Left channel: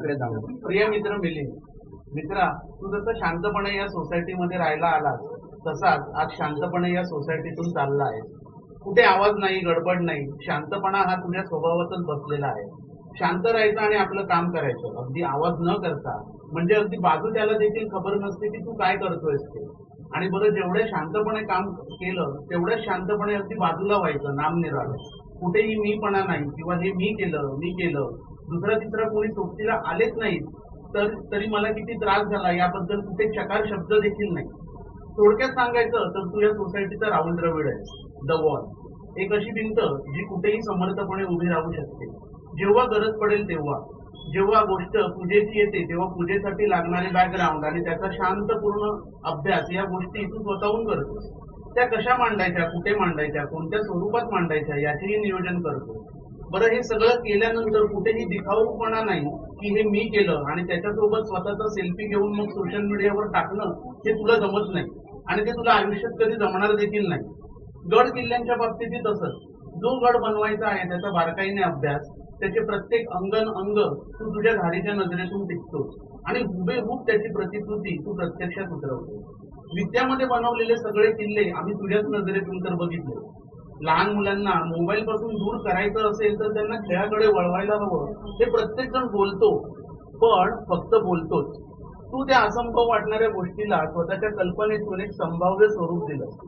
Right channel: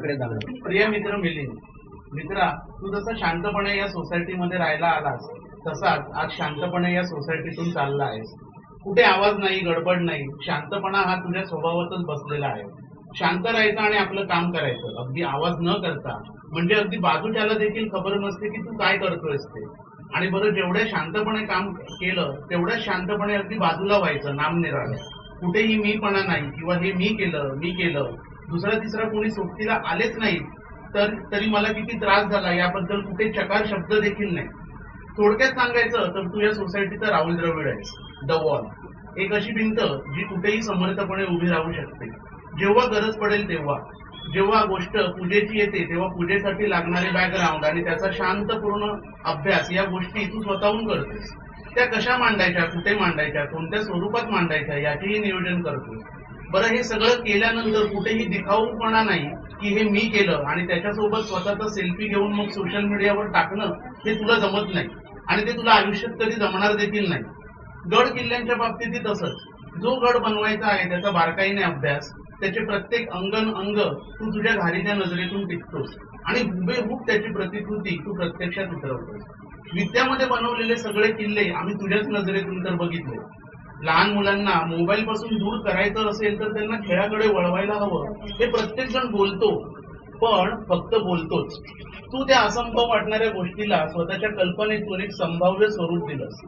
इकडे जाऊ. प्रिय मित्र मिलिंद, मित्रा, तू जसं शांतपणे या सोसायटीमध्ये राहायला आलास तसाच आज शांतपणे या सोसायटीतून चालला आहेस. कुठे आवाज नाही, गडबड नाही, शांतपणा हा तुझ्या स्वभावातच बसलेला आहे. शांत राहायचं आणि आपलं काम करायचं, अगदी आवाज न करता. म्हणजे अगदी बाजूच्याला देखील खबर नसते की तू काय करतोयस ते. आणि बरं, जेवढ्या शांतपणे काम केलं तेवढ्या शांतपणे अगदी बाजूला व्हायचं, नामनिराळं. कुठेही मीपणा नाही किंवा हे मी केलं दुसरा तिसरा कोणी सोबतीला आलेच नाहीत तरी मला किती त्रास झाला याबद्दल कुठे चकार शब्द देखील नाही. थोडक्यात सांगायचं तर तू या सोसायटीचा राहुल द्रविड आहेस, द वॉल. एक अशी भिंत जी कुठेही समर्थपणे उभी राहू शकते, जेव्हा गरज पडेल तेव्हा. जेव्हा गोष्ट पूजेची येते तेव्हा पूजेसाठी लागणारे बॅकग्राऊंड आणि त्याचा शांतपूर्ण अभ्यास या गोष्टी तू स्वतःहून करतोस. त्या कशा मांडायच्या, कुठे मांडायच्या, कोणत्या स्वरूपात मांडायच्या याचेही नियोजन करतोस. बरं, हे सगळं केल्यानंतर कुठेही दिखाऊपणा नाही की हे मी केलं आणि त्याच्यासोबत स्वतःचा सेल्फी घेऊन मग सोशल मीडियावर टाकणं हे तुला जमत नाही आणि ते तुला आयुष्यात कधी जमणार देखील नाही. गड किल्ल्यांच्या बाबतीतही तसंच. जो गड बनवायचा आहे त्याचा बारकाईने अभ्यास, त्याचे प्रत्येक अंग तू तुझ्या घारीच्या नजरेतून टिकतोस आणि हुबेहूब त्याची प्रतिकृती तू प्रत्यक्षात उतरवतोस. विद्यामध्ये बनवलेले सगळे किल्ले आम्ही तुझ्याच नजरेतून तर बघितले. लहान मुलांना मोबाईल पासून दूर करायचं असेल तर त्यांना खेळाकडे वळवायला हवं हे प्रत्येक जण बोलतो, पण फक्त बोलतोच. तू त्या असंभव वाटणाऱ्या गोष्टीला स्वतःच्या कल्पनेतून एक संभाव्य स्वरूप दिलंस.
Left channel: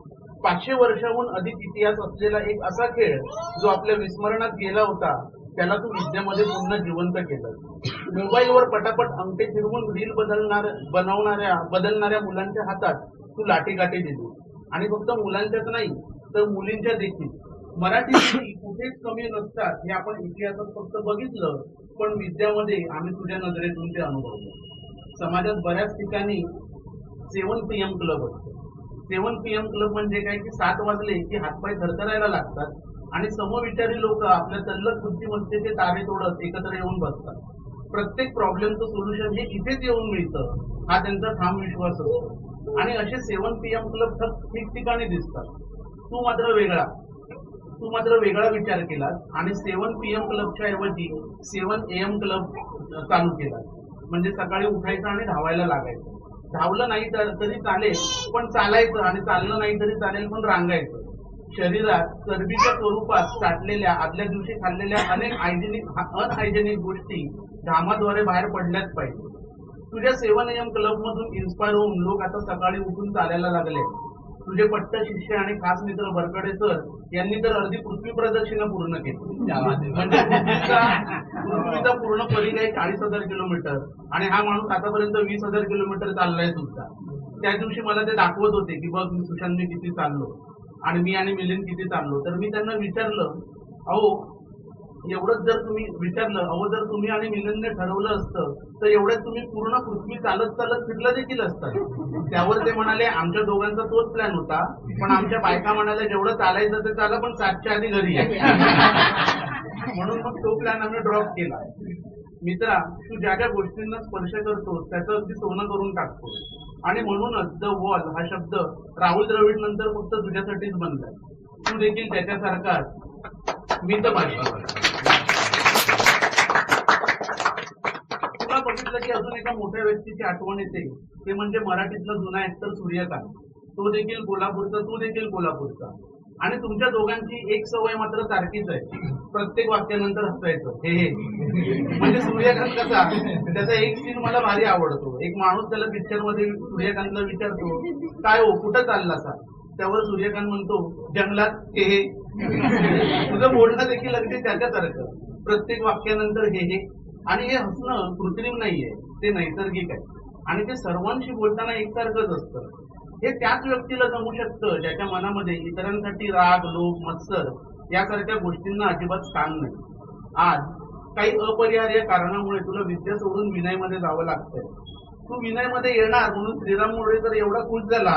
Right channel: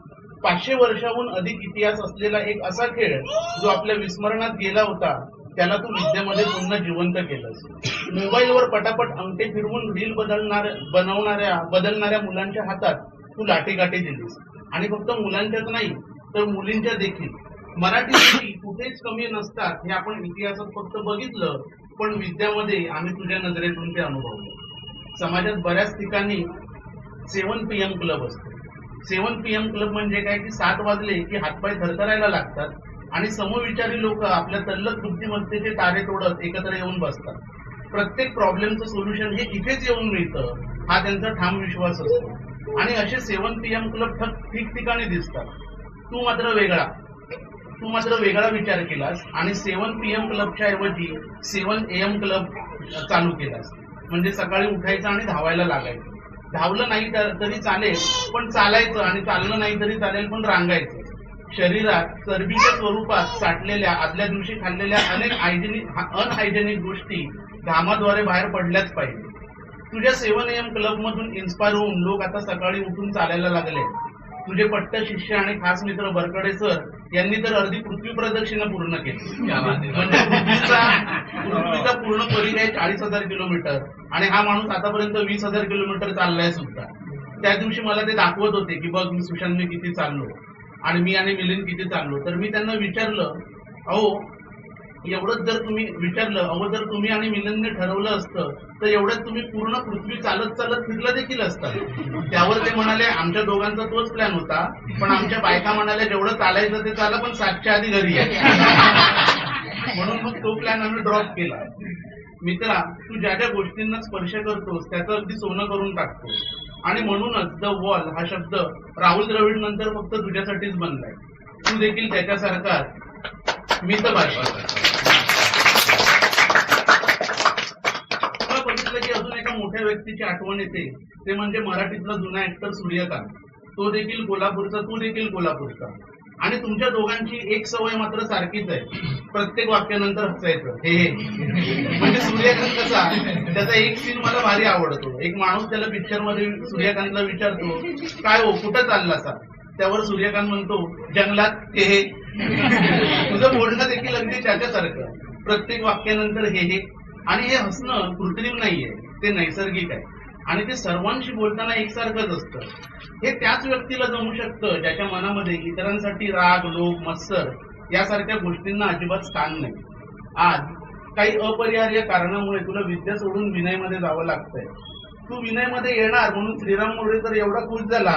500 वर्षाहून अधिक इतिहास असलेला एक असा खेळ जो आपल्या विस्मरणात गेला होता त्याला तू विद्येमध्ये पुन्हा जिवंत केलंस. मोबाईलवर पटापट अंगठे फिरवून रील बदलणाऱ्या मुलांच्या हातात तू लाठीकाठी दिलीस. आणि फक्त मुलांच्याच नाही तर मुलींच्या देखील. मराठी मुली कुठेच कमी नसतात हे आपण इतिहासात फक्त बघितलं, पण विद्यामध्ये आम्ही तुझ्या नजरेतून ते अनुभवलं. समाजात बऱ्याच ठिकाणी 7 PM क्लब असतो. 7 PM क्लब म्हणजे काय की 7 वाजले की हातपाय थरथरायला लागतात आणि समविचारी लोक आपल्या तल्लख बुद्धिमत्तेचे तारे तोडत एकत्र येऊन बसतात. प्रत्येक प्रॉब्लेमचं सोल्युशन हे इथेच येऊन मिळतं हा त्यांचा ठाम विश्वास असतो. आणि असे 7 PM क्लब ठिकठिकाणी दिसतात. तू मात्र वेगळा विचार केलास आणि 7 PM क्लबच्या ऐवजी 7 AM क्लब चालू केलास. म्हणजे सकाळी उठायचं आणि धावायला लागायचं. धावलं नाही तरी चालेल पण चालायचं, आणि चाललं नाही तरी चालेल पण रांगायचं. शरीरात चरबीच्या स्वरूपात साठलेल्या आदल्या दिवशी खाल्लेल्या अनेक अनहायजेनिक गोष्टी घामाद्वारे बाहेर पडल्याच पाहिजे. तुझ्या 7 AM क्लब मधून इन्स्पायर होऊन लोक आता सकाळी उठून चालायला लागले. तुझे पट्ट शिष्य आणि खास मित्र बरकडे सर यांनी तर अर्धी पृथ्वी प्रदक्षिणा पूर्ण केली. म्हणजे पृथ्वीचा पूर्ण परिघ 40,000 किलोमीटर आणि हा माणूस आतापर्यंत 20,000 किलोमीटर चाललाय सुद्धा. त्या दिवशी मला ते दाखवत होते की बघ मी सुशांत मी किती चाललो आणि मी आणि मिलिंद किती चाललो. तर मी त्यांना विचारलं, अहो जर तुम्ही आणि मिलिंदने ठरवलं असतं तर एवढ्यात तुम्ही पूर्ण पृथ्वी चालत फिरलं देखील असतं. त्यावर ते म्हणाले आमच्या दोघांचा तोच प्लॅन होता, पण आमच्या बायका म्हणाल्या जेवढं चालायचं ते चाला पण 7च्या आधी घरी आहे. म्हणून मग तो प्लॅन आम्ही ड्रॉप केला. मित्रा, तू ज्या ज्या गोष्टींना स्पर्श करतोस त्याचं अगदी सोनं करून टाकतोस. आणि म्हणूनच द वॉल हा शब्द राहुल द्रविड नंतर फक्त तुझ्यासाठीच बनलाय. तू देखील त्याच्यासारखा मितभाषी. तुला बघितलं की अजून एका मोठ्या व्यक्तीची आठवण येते, ते म्हणजे मराठीतला जुना ऍक्टर सूर्यकांत. तो देखील कोल्हापूरचा, तू देखील कोल्हापूरचा. आणि तुमच्या दोघांची एक सवय मात्र सारखीच आहे, प्रत्येक वाक्यानंतर हसायचं. हे म्हणजे सूर्यकांत कसा, त्याचा एक सीन मला भारी आवडतो. एक माणूस त्याला पिक्चर मध्ये सूर्यकांतला विचारतो, काय हो कुठं चाललासा? त्यावर सूर्यकांत म्हणतो, जंगलात. हे तुझं बोलणं देखील अगदी त्याच्यासारखं, प्रत्येक वाक्यानंतर हे. आणि हे हसणं कृत्रिम नाहीये, ते नैसर्गिक आहे आणि ते सर्वांशी बोलताना एकसारखंच असतं. हे त्याच व्यक्तीला जमू शकतं ज्याच्या मनामध्ये इतरांसाठी राग, लोभ, मत्सर यासारख्या गोष्टींना अजिबात स्थान नाही. आज काही अपरिहार्य कारणामुळे तुला विद्या सोडून विनयमध्ये जावं लागतंय. तू विनयमध्ये येणार म्हणून श्रीराम मोरेकर एवढा खुश झाला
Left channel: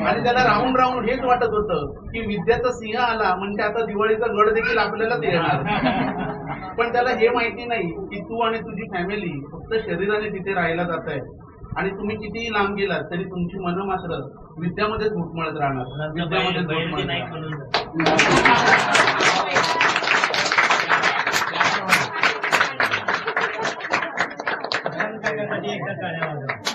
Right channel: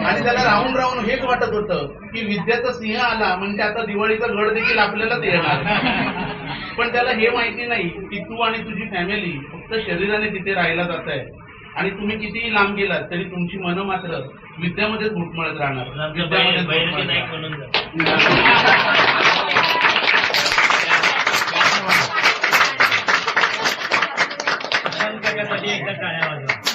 आणि त्याला राहून राहून हेच वाटत होतं की विद्याचा सिंह आला म्हणजे आता दिवाळीचा गड देखील आपल्यालाच येणार. पण त्याला हे माहिती नाही की तू आणि तुझी फॅमिली फक्त शरीराने तिथे राहायला जात आहे आणि तुम्ही कितीही लांब गेलात तरी तुमची मनं मात्र विद्यामध्येच घुटमळत राहणार. विद्यामध्येच घुटमळत राहणार. सगळ्यांसाठी एकदा टाळ्या वाजवा.